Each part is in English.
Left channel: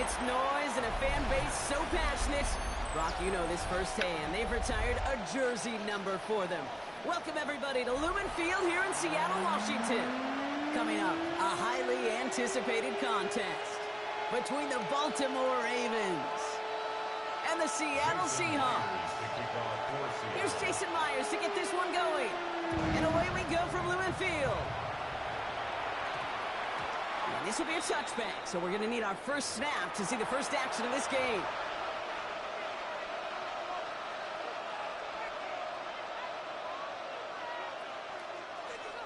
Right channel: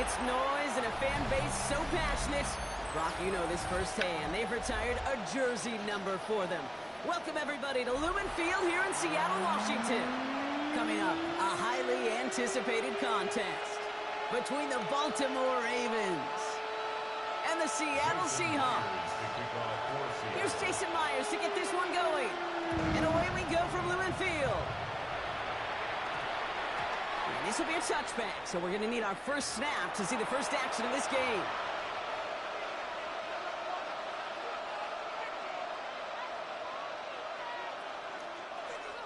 It's noise and a fan base so passionate. Brock, you know this firsthand. They've retired a jersey number for them. Welcome, everybody, to Lumen Field here in Seattle, Washington. Coming up, a highly anticipated contest between the Baltimore Ravens and the Seattle Seahawks. Here's Jason Myers to get this one going. And away we go from Lumen Field. And this will be a touchback, so we're going to need our first snap to see the first action of this game.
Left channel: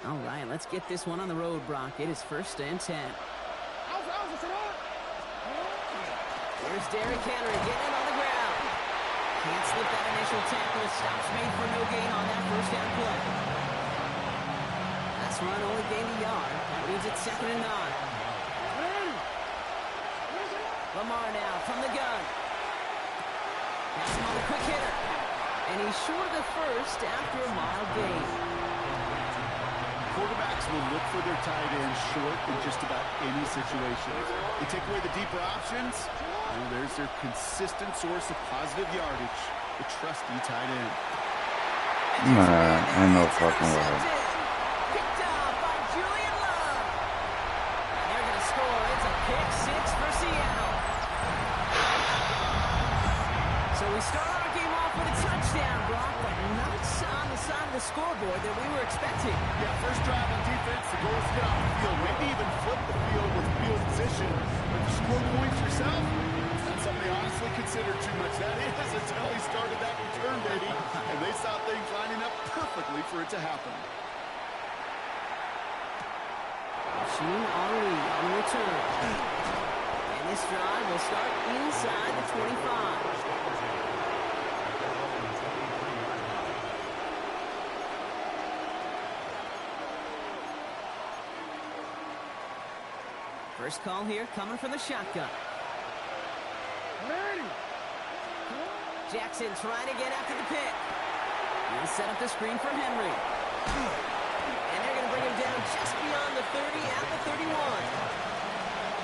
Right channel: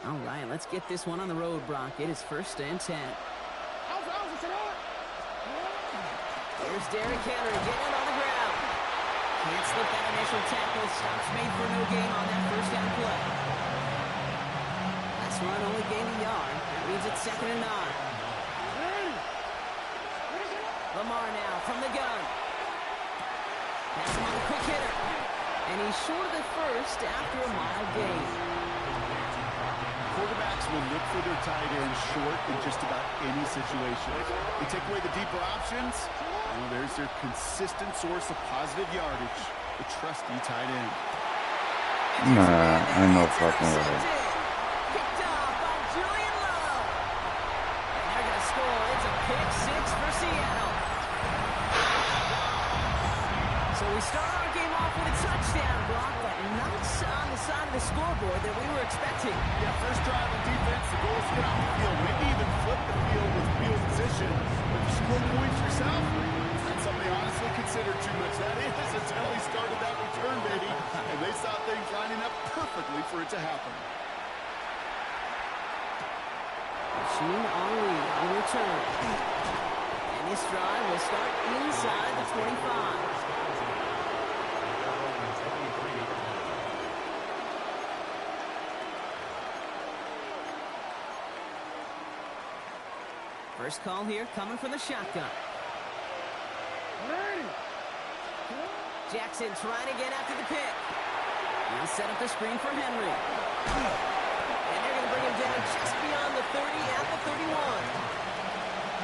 All right, let's get this one on the road, Brock. It is 1st and 10. Here's Derrick Henry getting it on the ground. Can't slip that initial tackle. Stops made for no gain on that first down play. Last run only gained a yard. That means it's 2nd and 9. Lamar now from the gun. Pass him on the quick hitter. And he's short of the first after a mild gain. Quarterbacks will look for their tight end short in just about any situation. They take away the deeper options. Well, there's their consistent source of positive yardage, the trusty tight end. Nah, I know fucking well. Picked off by Julian Love. And they're going to score. It's a pick six for Seattle. So we start our game off with a touchdown, Brock, but not on the side of the scoreboard that we were expecting. Yeah, first drive on defense, the goal is to get off the field, maybe even flip the field with field position. But to score points yourself, it's not something they honestly consider too much. That is until he started that return, baby, and they saw things lining up perfectly for it to happen. Machine Henry on the return. And this drive will start inside the 25. First call here coming from the shotgun. Jackson trying to get after the pick. He'll set up the screen for Henry. And they're going to bring him down just beyond the 30 at the 31.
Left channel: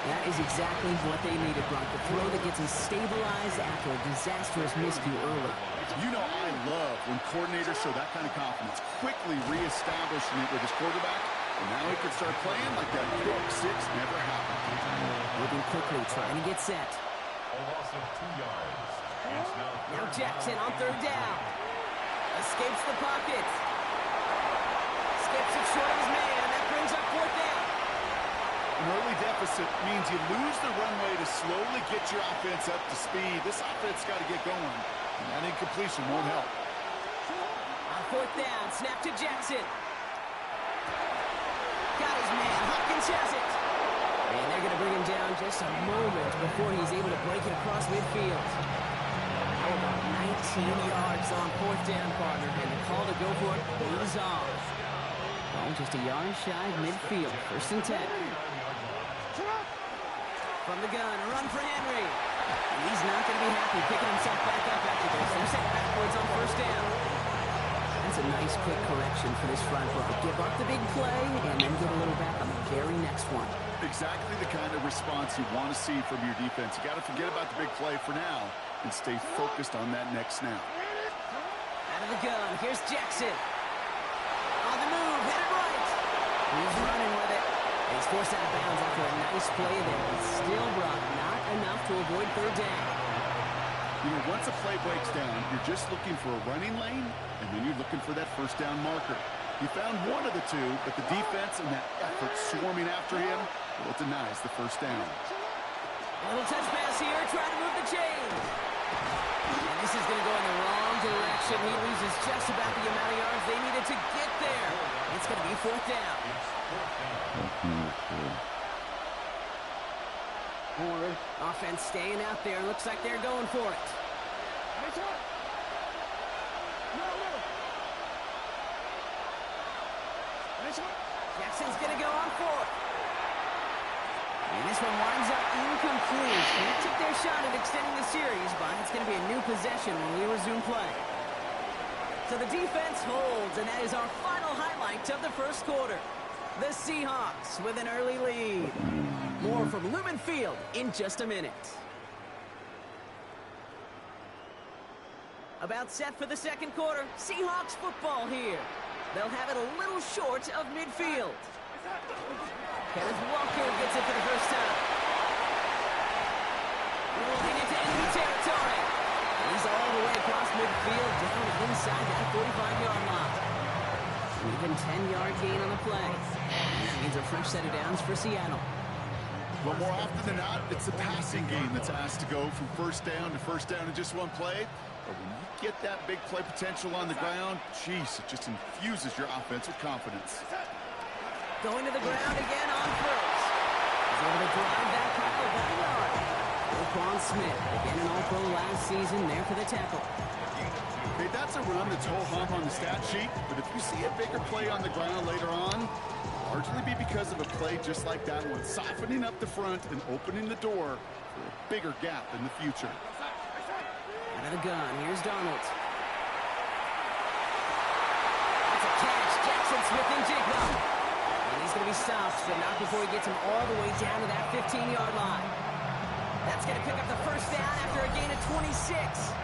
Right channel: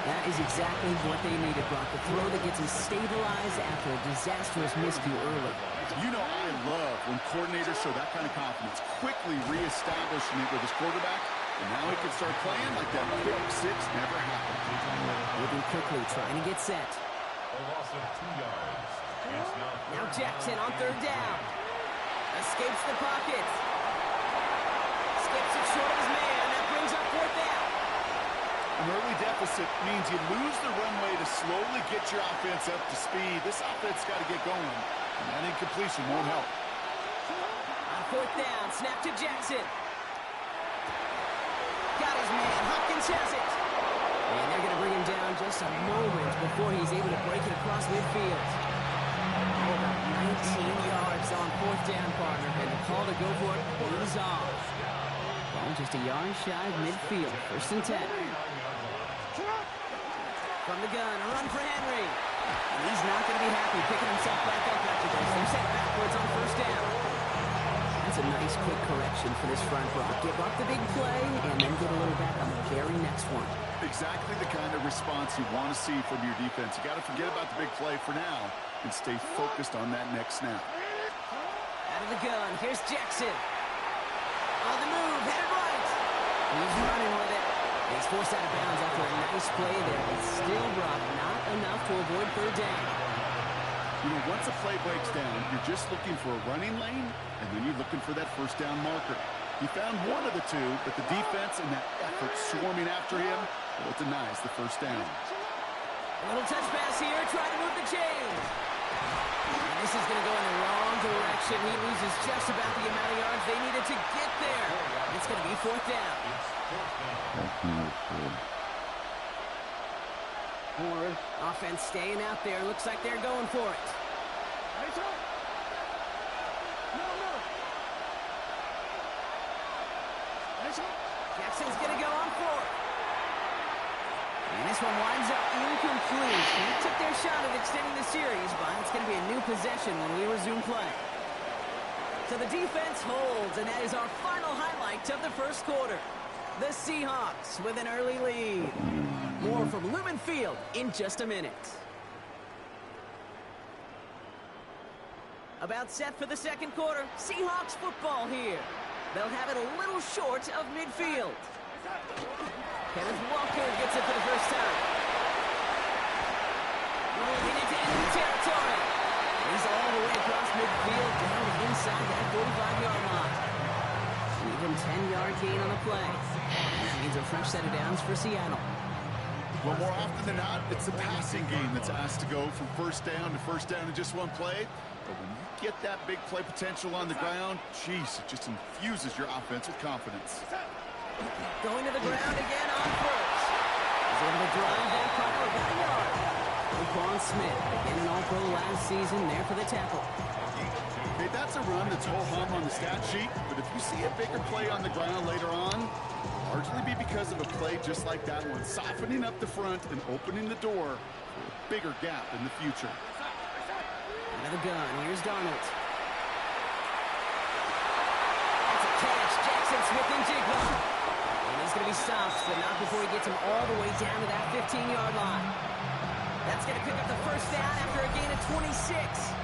That is exactly what they needed, Brock. The throw that gets him stabilized after a disastrous miscue early. You know I love when coordinators show that kind of confidence, quickly reestablishing it with his quarterback. And now he can start playing like that pick six never happened. Moving quickly, trying to get set. A loss of 2 yards. Now Jackson on 3rd down. Escapes the pocket. Skips it short of his man. That brings up 4th down. An early deficit means you lose the runway to slowly get your offense up to speed. This offense got to get going, and that incompletion won't help. On 4th down, snap to Jackson. Got his man. Hopkins has it. And they're going to bring him down just a moment before he's able to break it across midfield. Oh, about 19 yards on 4th down, partner. And the call to go for it is off. Well, just a yard shy of midfield. 1st and 10. From the gun, a run for Henry. And he's not going to be happy picking himself back up after this. They're set backwards on 1st down. That's a nice quick correction for this front row. Give up the big play and then get a little back on the very next one. Exactly the kind of response you want to see from your defense. You got to forget about the big play for now and stay focused on that next snap. Out of the gun, here's Jackson. On the move, headed right. He's running with it. And he's forced out of bounds after a nice play there, but still, Brock, not enough to avoid 3rd down. You know, once a play breaks down, you're just looking for a running lane, and then you're looking for that 1st down marker. He found one of the two, but the defense and that effort swarming after him, well, it denies the 1st down. A little touch pass here, trying to move the chains. And this is going to go in the wrong direction. He loses just about the amount of yards they needed to get there. It's going to be 4th down. Offense staying out there. Looks like they're going for it. Jackson's going to go on 4th. And this one winds up incomplete. They took their shot at extending the series, but it's going to be a new possession when we resume play. So the defense holds, and that is our final highlight of the 1st quarter. The Seahawks with an early lead. More from Lumen Field in just a minute. About set for the second quarter. Seahawks football here. They'll have it a little short of midfield. Kenneth Walker gets it for the first time. Rolling into enemy territory. And he's all the way across midfield down inside that 45-yard line. An even 10-yard gain on the play. And that means a fresh set of downs for Seattle. Well, more often than not, it's the passing game that's asked to go from first down to first down in just one play. But when you get that big play potential on the ground, geez, it just infuses your offense with confidence. Going to the ground again on first. He's able to drive that pile about a yard. Roquan Smith, again an All-Pro last season, there for the tackle. Hey, that's a run that's ho-hum on the stat sheet, but if you see a bigger play on the ground later on, largely be because of a play just like that one, softening up the front and opening the door for a bigger gap in the future. Out of the gun, here's Darnold. That's a catch, Jackson Smith and Jigba. And he's going to be stopped, but not before he gets him all the way down to that 15-yard line. That's going to pick up the first down after a gain of 26.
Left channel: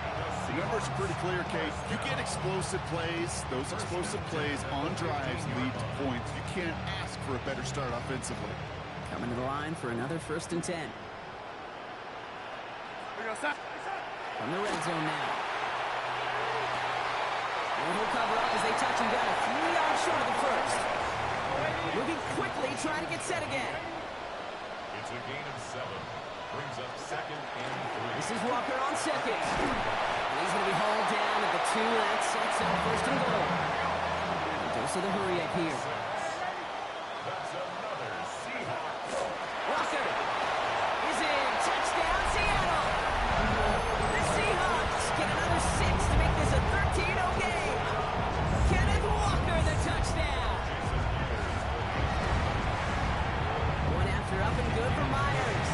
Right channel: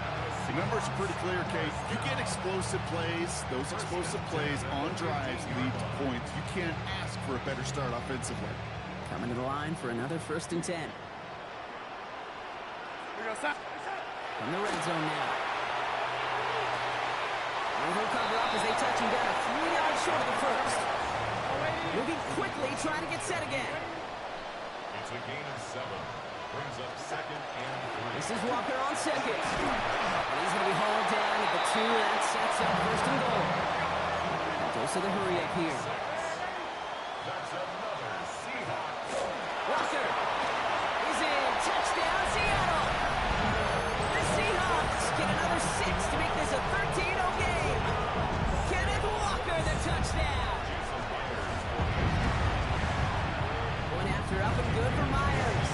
The numbers are pretty clear, Kate. You get explosive plays. Those explosive plays on drives lead to points. You can't ask for a better start offensively. Coming to the line for another 1st and 10. From the red zone now. And he'll cover up as they touch him down a few yards short of the first. Moving quickly, trying to get set again. It's a gain of 7. Brings up 2nd and 3. This is Walker on second. And he's going to be hauled down at the 2. That sets up 1st and goal. And goes to the hurry up here. That's another Seahawks. Walker is in. Touchdown, Seattle. The Seahawks get another 6 to make this a 13-0 game. Kenneth Walker, the touchdown. Going after up and good for Myers.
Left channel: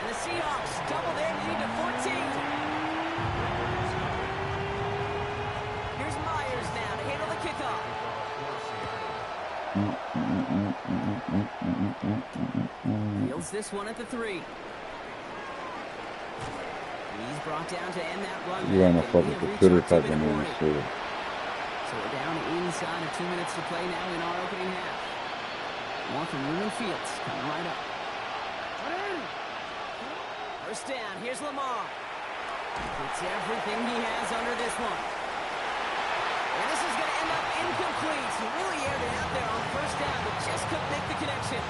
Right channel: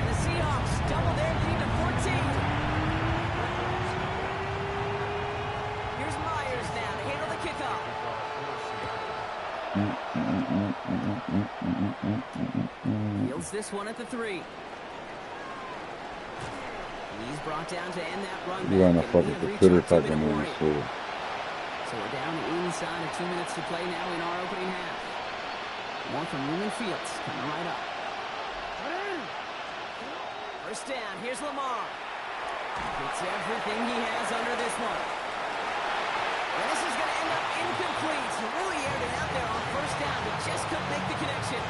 And the Seahawks double their lead to 14. Here's Myers now to handle the kickoff. Fields this one at the 3. He's brought down to end that run back. Iban a And we făcut have cu reached târâ our ta 2-minute din warning. Minnesota. So we're down inside of 2 minutes to play now in our opening half. More from Lumen Fields coming right up. First down, here's Lamar. Gets everything he has under this one. And this is going to end up incomplete. He really aired it out there on first down, but just couldn't make the connection.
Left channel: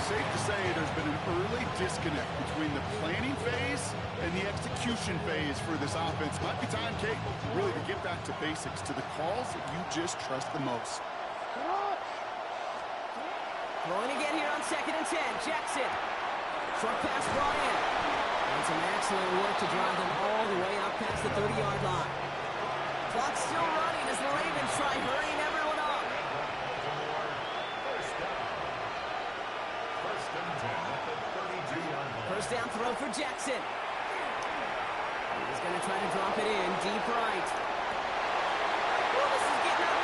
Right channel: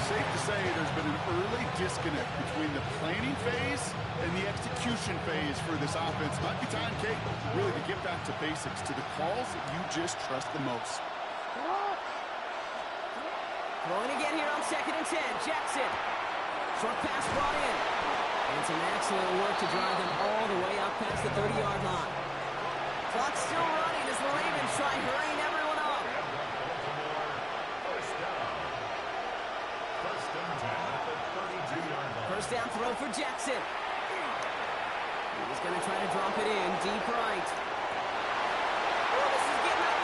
Safe to say there's been an early disconnect between the planning phase and the execution phase for this offense. Might be time, Kate, really to get back to basics, to the calls that you just trust the most. Throwing again here on 2nd and 10. Jackson. Short pass brought in. And some excellent work to drive them all the way up past the 30-yard line. Clock's still running as the Ravens try hurrying everyone up. First down. 1st and 10 at the 32-yard line. First down throw for Jackson. He's going to try to drop it in deep right. Oh, this is getting ugly.